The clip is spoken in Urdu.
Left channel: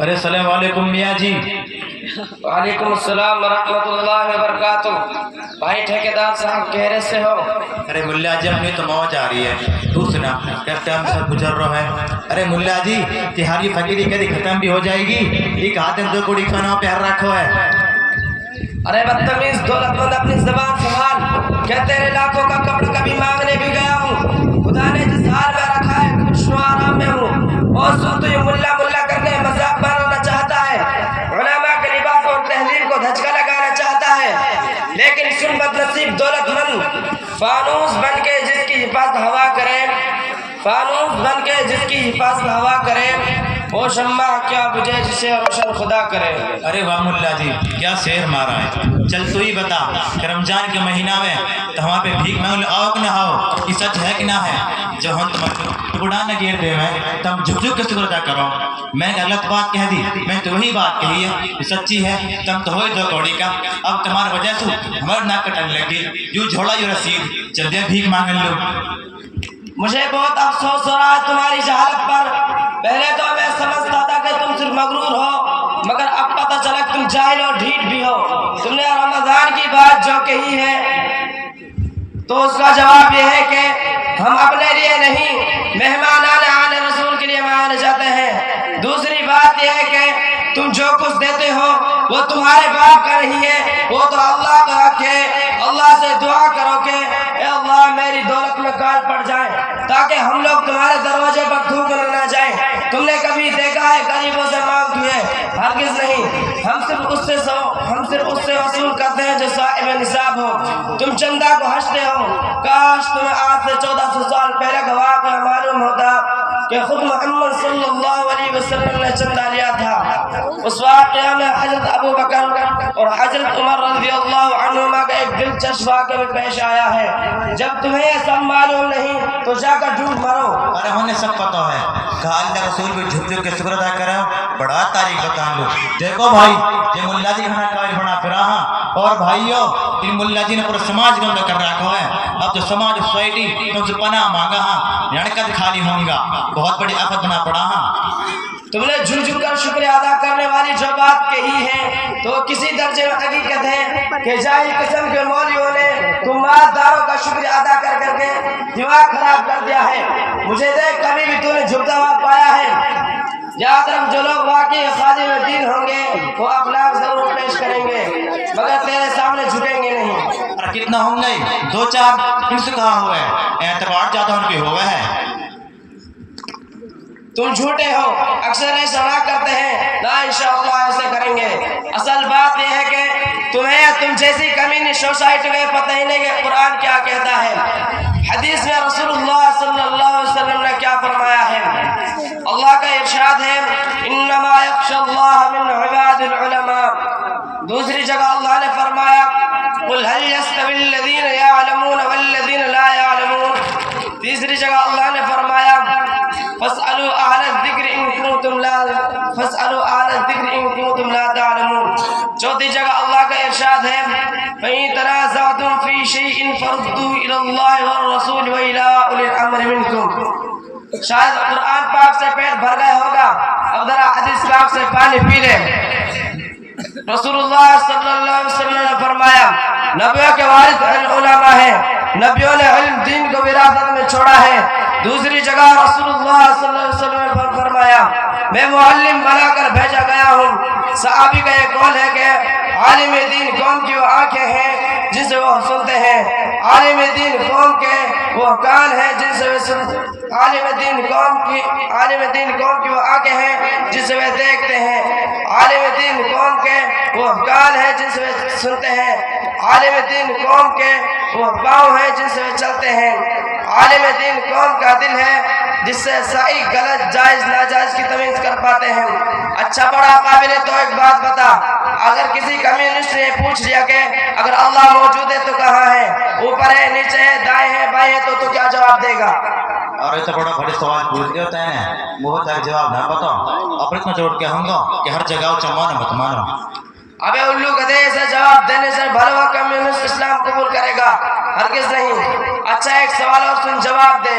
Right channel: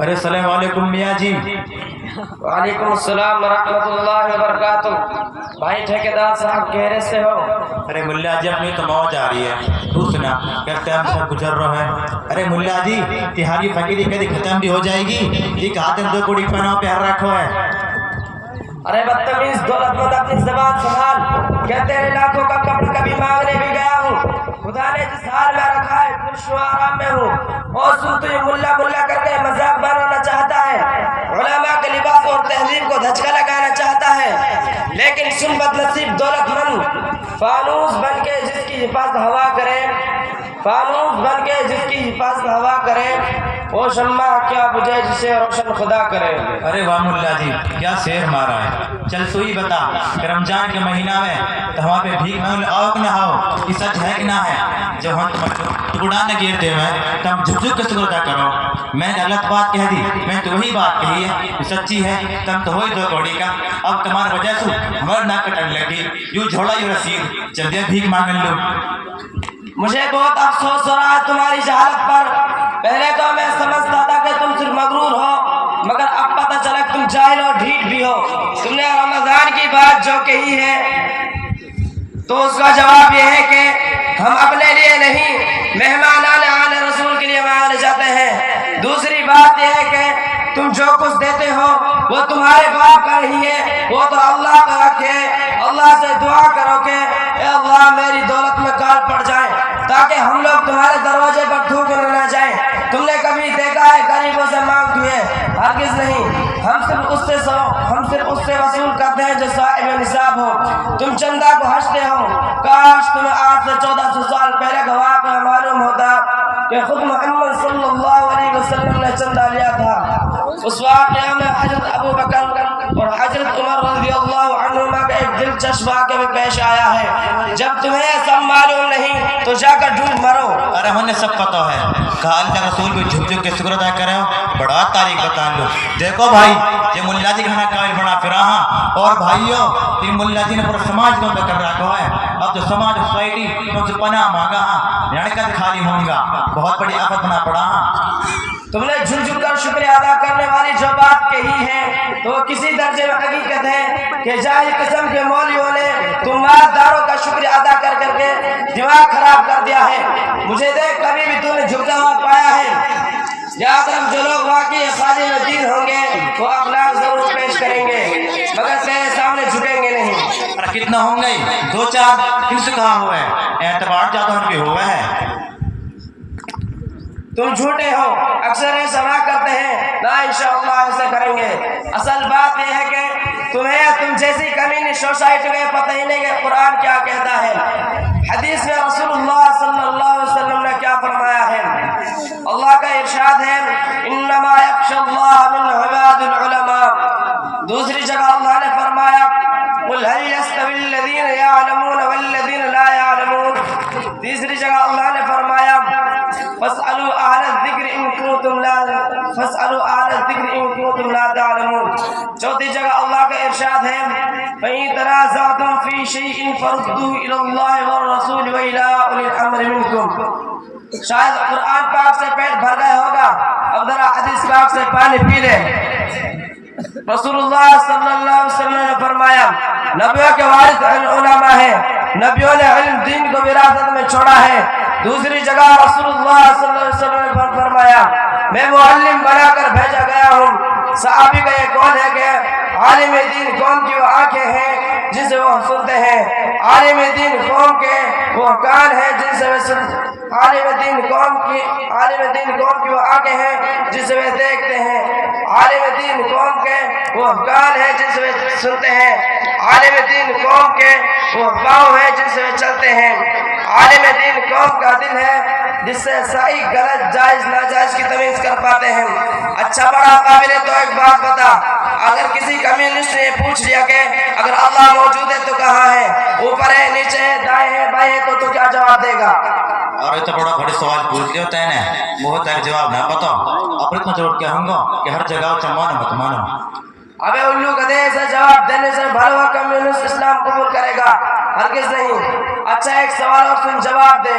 ارے السلام علیکم میاں جی۔ وعلیکم السلام ورحمۃ اللہ وبرکاتہ۔ بھائی ٹھیکیدار صاحب کہرے سے ہو؟ ارے ملا جی اپنی تو موج آ رہی ہے، تو سنا کیسے ہم سب گزر رہا ہے۔ ارے ملا جی تہاری فقیری کدی ختم بھی ہو جائے گی، ایک ہاتھ دو کوڑی کھانا پہر رکھو ہے۔ ارے بدتمیز دولت مند اپنی زبان سنبھال، کہ تیرے لاکھوں کا کپڑا کبھی مانگنے بھی گیا ہوں، خدا نے جس حال میں رکھا ہے کچھ آرام میں ہوں، اور تو یہ ملا ملا کرنے مذاق بنانا چاہتا ہے، علماء کے لباس اور تہذیب کو دھچکا لگانا چاہتا ہے، لیکن سن بد نصیب دولت مند، فانوس بن کے جس کی حفاظت ہوا کرے، فانوس بن کے جس کی حفاظت ہوا کرے، وہ شمع کیا بجھے جسے روشن خدا کرے۔ ارے واہ ملا جی کیا شعر مارا ہے، چل تو ہی بتا کہ رمضان کے مہینہ میں تو وہاں پہ بھیک مانگ آؤ کہ نہ آؤ، یہ سچ ہے کہ نہ ہے؟ جب ہم تمہیں ٹکڑا نہ گیر دے میں تم جھک جھک کے شکر ادا کرو، میں نے غلط بات کہہ دی، میں تو وہی بات کہی ہے یہ سچی ہے، تم تو ہوئی دو کوڑی کا، اب تمہاری وجہ سے ہمارے ناک کٹن لگی، یوں جھوڑا یوں رسید، چل دیا بھیک مانگ لو۔ مجھے بہت افسوس ہو رہا ہے تمہاری جہالت پر، پہلے تو میں سمجھتا تھا کہ تم صرف مغرور ہو، مگر اب پتہ چلا کہ تم جاہل اور ڈھیٹ بھی ہو۔ تم نے رمضان کی بات جو کہی ہے تو اس کا جواب یہ ہے کہ ہم اپنے لیے نہیں مہمان آنے رسول کے لیے مانگنے جاتے ہیں۔ دوسری بات یہ ہے کہ تم جو کچھ دیتے ہو وہ تمہارے باپ کا نہیں ہے، وہ تو اللہ کا حق ہے۔ اللہ سے دعا کرو کہ اے اللہ میری دولت میں کال پڑ جائیں تاکہ ہم لوگ تمہارے دروازے پر تھوکنے نہ جائیں۔ تم نے کبھی دیکھا ہے غریبوں سے مانگ ہوئے؟ ہرگز نہیں، ہم صرف اس سے وصول کرتے ہیں جو صاحب نصاب ہو۔ تم چندہ کو ہنستے ہو، کاش تمہیں آج سے 1400 سال پہلے کا واقعہ معلوم ہوتا کہ خود محمد صلی اللہ علیہ وسلم نے چندہ لیا تھا۔ اس واقعہ میں حضرت ابو بکر اور حضرت عمر رضی اللہ عنہما کا ایک دلچسپ واقعہ بھی پیش آیا ہے۔ جب تمہیں یہ سب معلوم نہیں تو جا کر ڈھونڈ مرو۔ ارے ہمیں سب پتہ ہے، کہا اللہ رسول کو جھک جھک کے شکر ادا کرے ہو، بڑا تاریخ بتا لو۔ دیکھو بھائی یہ ملا جی کھانا قابل بنا پھرا ہاں، اور بھائیو ان ملا جی نے پورا سماج بند کر رکھا ہے، اب تو سماج سوسائٹی تم سے پناہ مانگا ہاں، لڑکت خالی ہوں گا، بہت بڑی آفت بنا پڑا ہاں۔ تم نے جھک جھک کر شکریہ ادا کرنے والی جو بات کہی ہے تو کسی درجے میں حقیقت ہے کہ جاہل قسم کے مولویوں نے تم مالداروں کا شکریہ ادا کر کر کے دماغ خراب کر دیا ہے۔ مجھے دیکھ کبھی بھی تو نے جھکتا ہوا پایا ہے؟ یاد رکھ جو لوگ واقعی خادم دین ہوں گے وہ اخلاق ضرور پیش کریں گے مگر تیرے سامنے جھکیں گے نہیں۔ ارے کتنا ہوں گے دو چار، کن سے کہا ہوا ہے اعتبار زیادہ ان کے ہوا ہے۔ تم جھوٹے ہو، اکثر ایسا نہ کرتے ہیں، نہ انشاءاللہ ایسا کریں گے۔ اصل بات یہ ہے کہ تم جیسی کمینی سوسائٹی میں پتہ ہی نہیں کہ قرآن کیا کہتا ہے، حدیث میں رسول اللہ صلی اللہ علیہ وسلم نے کیا فرمایا ہے۔ اللہ کا ارشاد ہے انما یخشی اللہ من عباد العلماء۔ دوسری جگہ اللہ نے فرمایا قل هل يستوي الذين يعلمون والذين لا يعلمون۔ تیسری جگہ اللہ نے فرمایا فاسألوا أهل الذکر إن كنتم لا تعلمون۔ چوتھی جگہ اللہ کا ارشاد ہے فَإِن تَنَازَعْتُمْ فِي شَيْءٍ فَرُدُّوهُ إِلَى اللَّهِ وَالرَّسُولِ وَإِلَى أُولِي الْأَمْرِ مِنكُمْ۔ شاید قرآن پاک سے پیٹ بھر گئے ہوگا، اب ذرا حدیث پاک سے پانی پی لے۔ رسول اللہ صلی اللہ علیہ وسلم نے فرمایا نبیوں کے وارث علماء ہیں، نبیوں نے علم دین کو وراثت میں چھوڑا ہے۔ دوسری جگہ رسول اللہ صلی اللہ علیہ وسلم نے فرمایا میں معلم بنا کر بھیجا گیا ہوں۔ صحابی کا یہ قول ہے کہ عالم دین قوم کی وہ آنکھیں ہیں جن سے وہ سنتے ہیں، عالم دین قوم کے وہ کان ہیں جن سے وہ سنتے ہیں، عالم دین قوم کی وہ آنکھیں ہیں جن سے وہ دیکھتے ہیں، عالم دین قوم کے وہ کان ہیں جن سے وہ سنتے ہیں، عالم دین قوم کے وہ پاؤں ہیں جن سے وہ چلتے ہیں، عالم دین قوم کا دل ہے جس سے صحیح غلط جائز ناجائز کی تمیز کر پاتے ہیں۔ اچھا بڑا قابل تو ایک بات بتا، اگر کسی کمیونسٹ نے پوچھ لیا کہ اگر اللہ موجود ہے تو کہاں ہے، اوپر ہے نیچے ہے دائیں ہے بائیں ہے تو کیا جواب دے گا؟ اور یہ تو بڑا بڑے سوال پوچھ لیا ہوتا ہے نا، بہت سارے جواب نہ بتاؤ، اور اتنا جواب کیا ہوں گا کہ ہر جگہ اچھا مانو مت مانو۔ ابے الو گدھے سے جواب دینے سے بھلا کمیونسٹ اسلام قبول کرے گا؟ ہرگز نہیں۔ اچھا ایک سوال اور سن جواب دے،